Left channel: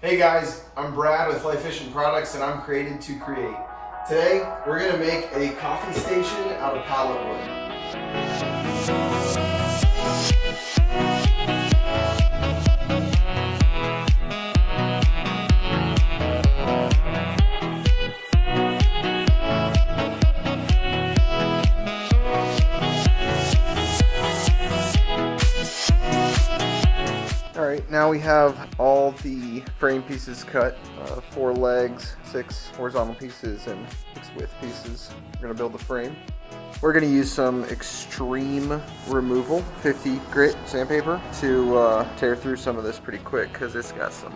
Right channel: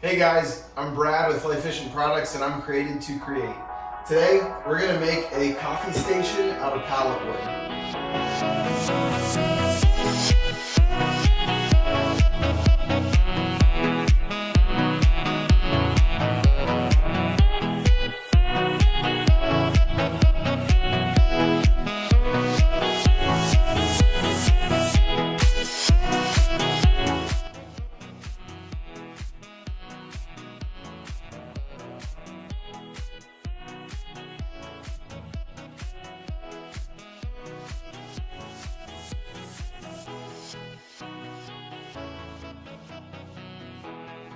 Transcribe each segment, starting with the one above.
Hey guys, I'm Brad with Life Efficient Products and I'm created to create. Today, we're gonna make a coffee station out of pallet wood. Now we have all the frame pieces cut, 4 legs, 6 horizontal pieces, and 6 width pieces. We're going to build the frame. We're going to use some extreme removal, 50 grit sandpaper, to tear through some of this pretty quick because it's got some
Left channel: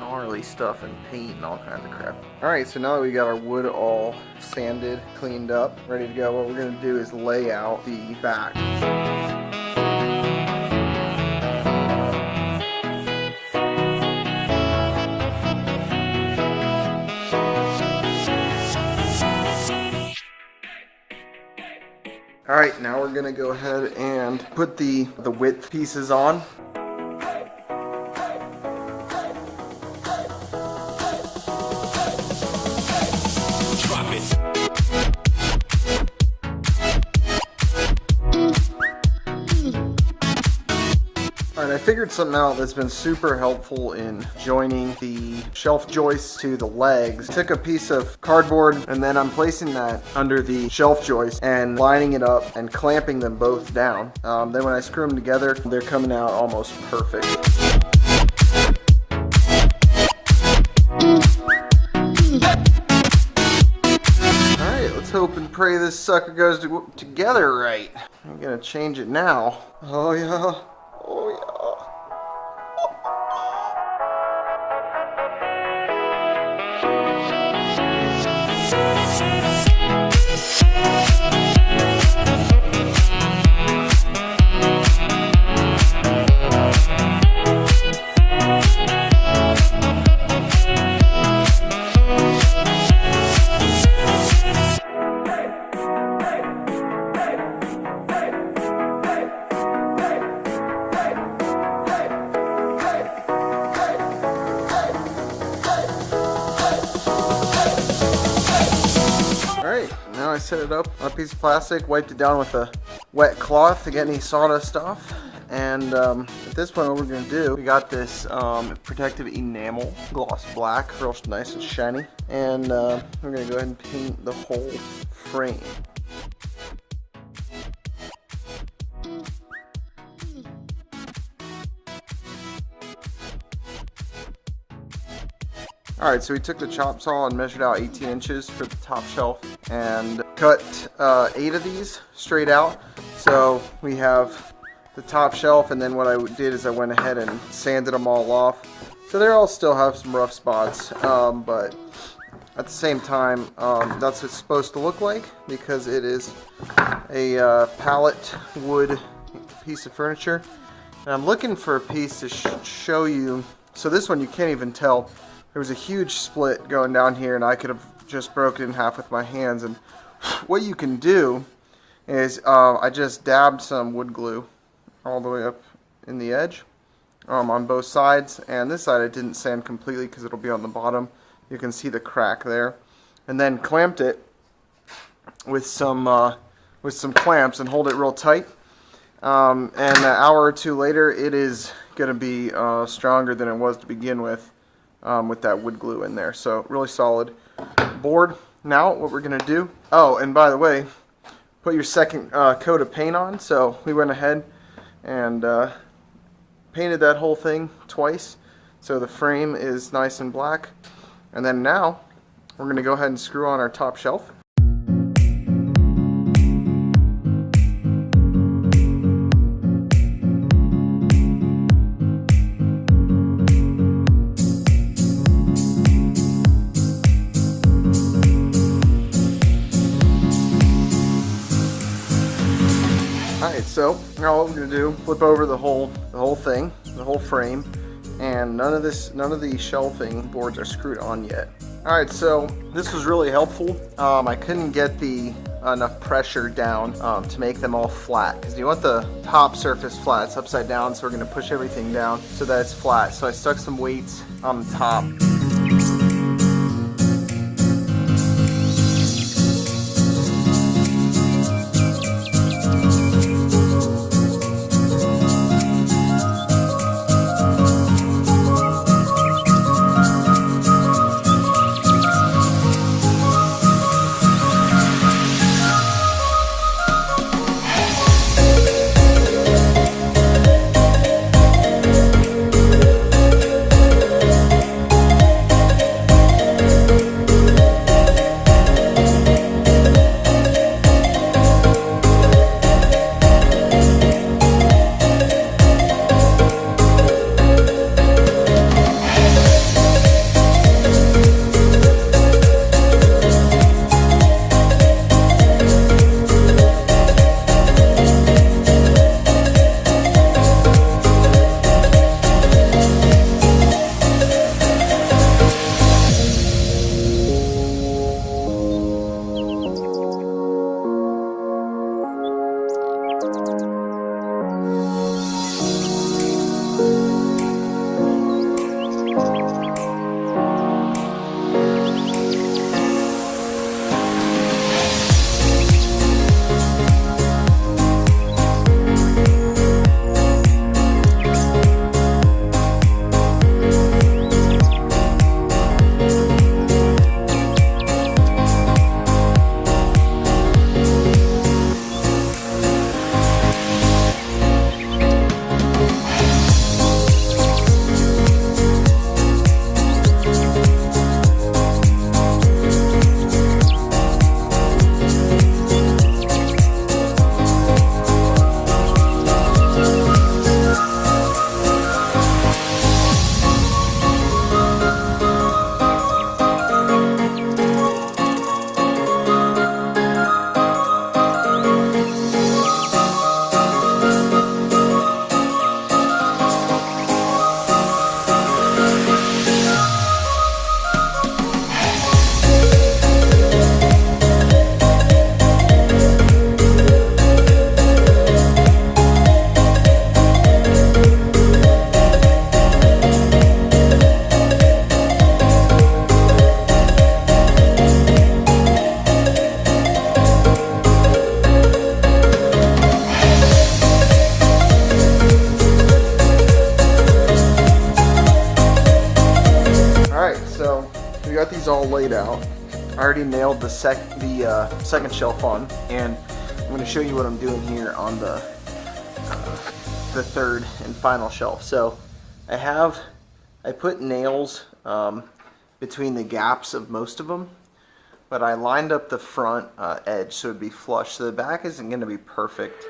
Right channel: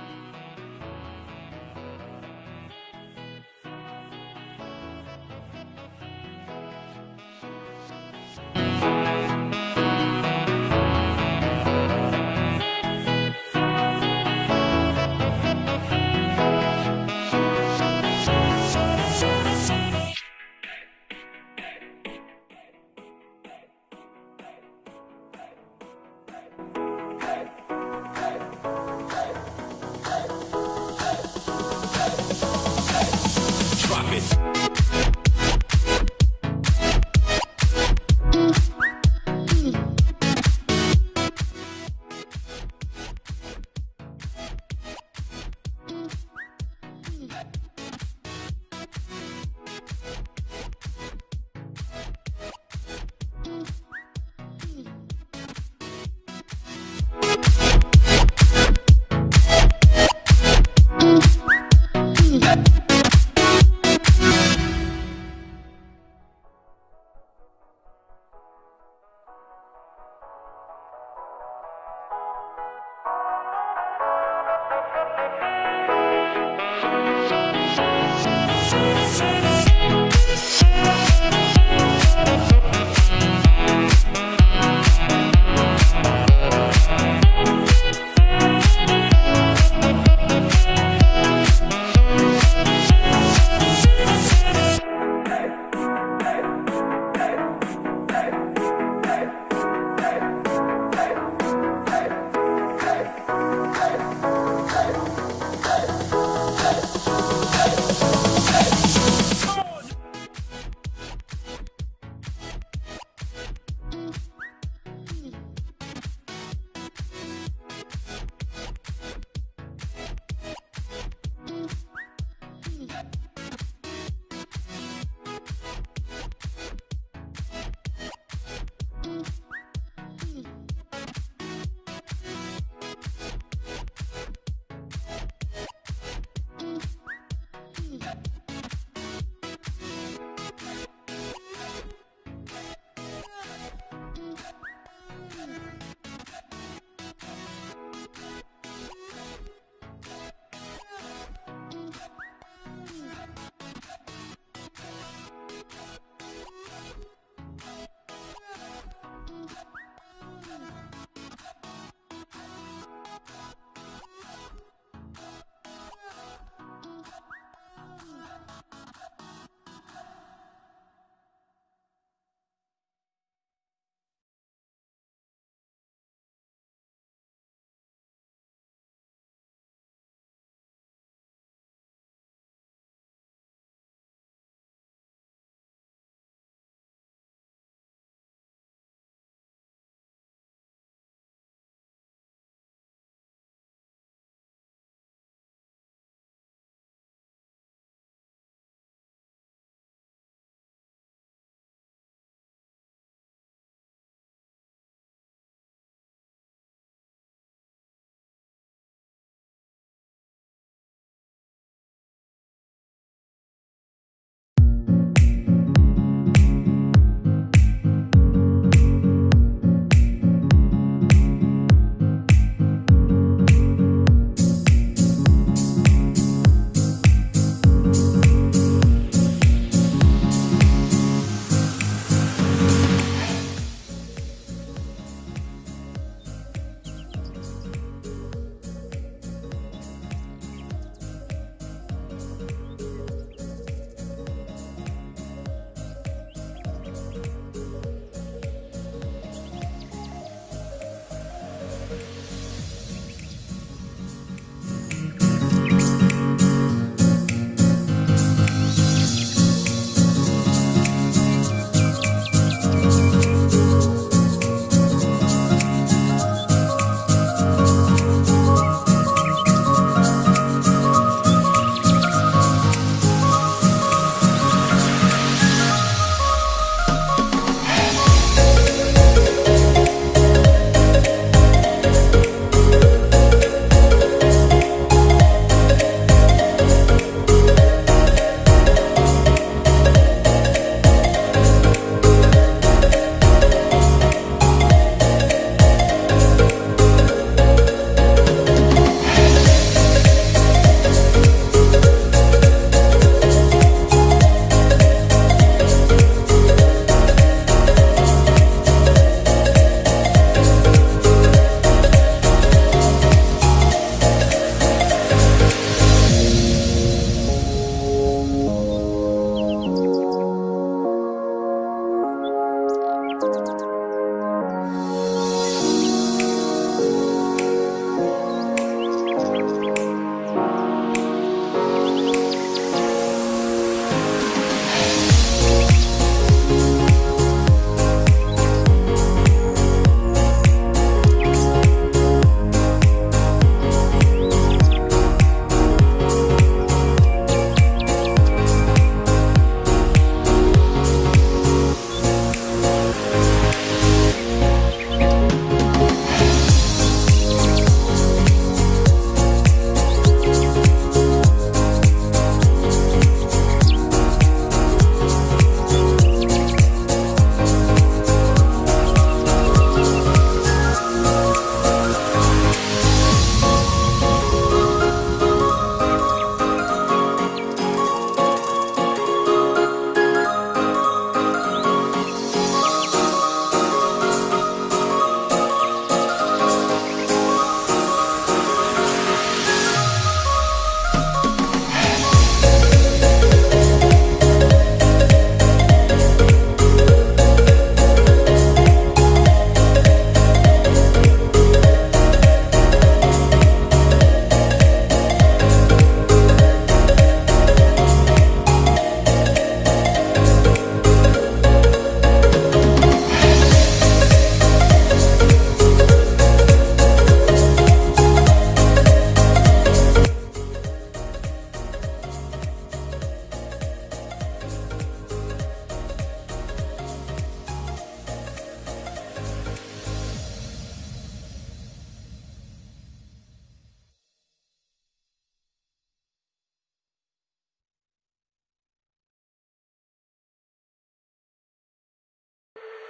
gnarly stuff and paint and all kinds of crap. Alright, so now that we got our wood all sanded, cleaned up, ready to go, what we're going to do is lay out the back. Alright, now we're gonna go ahead and put the width pieces on. Drop it. Alright, I figured something out that's been super helpful in joining the shelf joists to the legs. I took a piece of cardboard and then I'm placing that under the shelf joist and lining it up and clamping them both down. Then when I screw them together, they're coming out almost perfect. Alright, let's hope and pray this sucker goes together right. I'm gonna change it now. Oh yeah. Oh yeah. I set it up on a piece of plastic, wiped it down with a wet cloth to get any sawdust off, and at this point what we're going to do, we got this protective enamel gloss black, real nice and shiny, and we're going to go ahead and paint the whole frame. Alright, so we took the chop saw and measured out 18 inches for the top shelf and cut 8 of these straight out. So we have the top shelf, and then what I did is I went ahead and sanded them all off. So they all still have some rough spots, but at the same time, that's what it's supposed to look like because it is a pallet wood piece of furniture. And I'm looking for a piece to show you. So this one you can't even tell. There was a huge split going down here and I could have just broken it in half with my hands. And what you can do is I just dabbed some wood glue all the way up in the edge on both sides. And this side I didn't sand completely because it'll be on the bottom. You can see the crack there. And then clamped it with some clamps and hold it real tight. And an hour or two later it is going to be stronger than it was to begin with that wood glue in there. So really solid board. Now what we're going to do, oh, and by the way, put your second coat of paint on. So we went ahead and painted that whole thing twice so the frame is nice and black. And then now we're going to go ahead and screw on our top shelf. So now what we're going to do, flip over the whole thing, the whole frame, and none of the shelving boards are screwed on yet. Alright, so this was really helpful. I couldn't get the enough pressure down to make them all flat. Because you want the top surface flat. It's upside down, so we're going to push everything down so that it's flat. So I stuck some weights on the top. Got these all laid out. I already nailed the second shelf on, and I'm going to show you what I'm doing here on the third and final shelf. So I put nails between the gaps of most of them, but I lined up the front edge so it'd be flush. So the back isn't going to be perfect.